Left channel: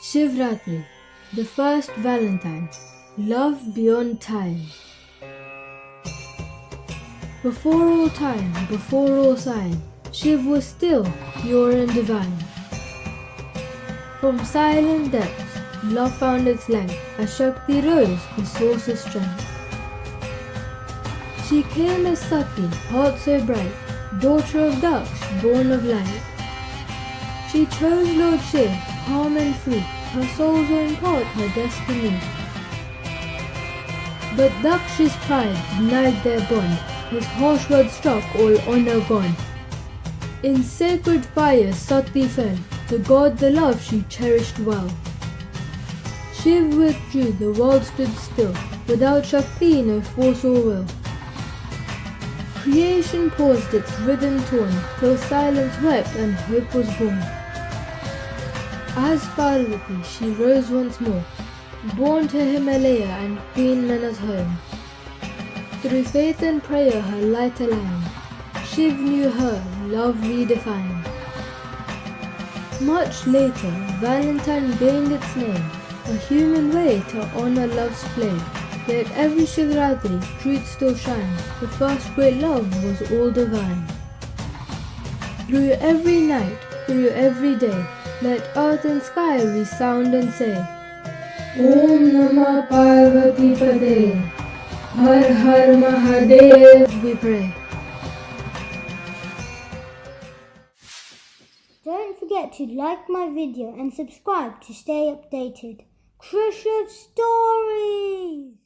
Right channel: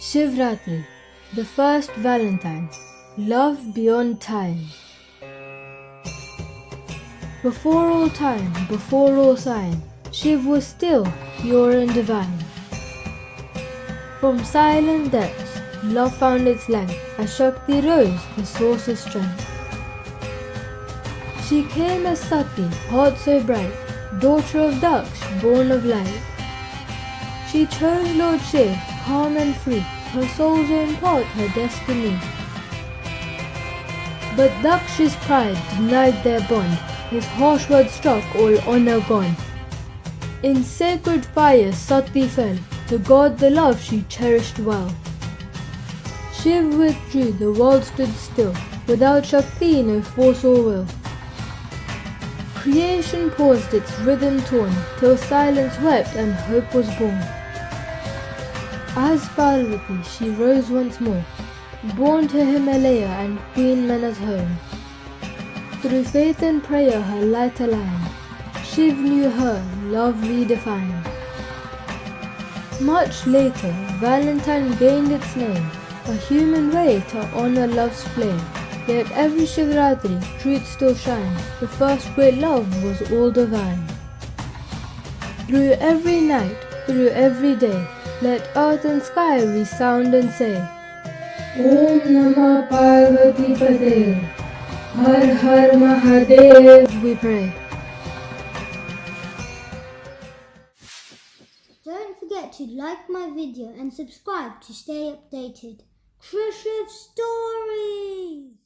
Shivratri, the first Valentine, love beyond time. Before all time, before all sign, Shiv was still, pure and divine. From silent depths, love found its light, as Shakti rose, the source of strength. She came as Sati, heart so bright, daughter of Daksh, born of light. She chose Lord Shiv, calm and free, her soul's own part, her destiny. But Daksh's pride denied their bond, his harsh words struck all honor gone. In sacred fire Sati fell, to guard the love she cherished well. Shiv withdrew, the world stood still, without Shakti no force or will. Creation paused its rhythm torn, till silence wept and hope was born. As Parvati she rose once more, born to Himalaya and Queen Mana's home. Through faith and prayer her light aligned, Shiv knew her, love redefined. Much later, Valentine gained its name, a human way to honor love's flame. Yet every Shivratri, truth still shines, the first great love was all divine. Through every night, through every day, let earth and sky resound and say, Om Namah Parvati PATAYE, Har Har Mahadev we pray. Don't forget to like my video and subscribe to stay updated. Crush of Stories!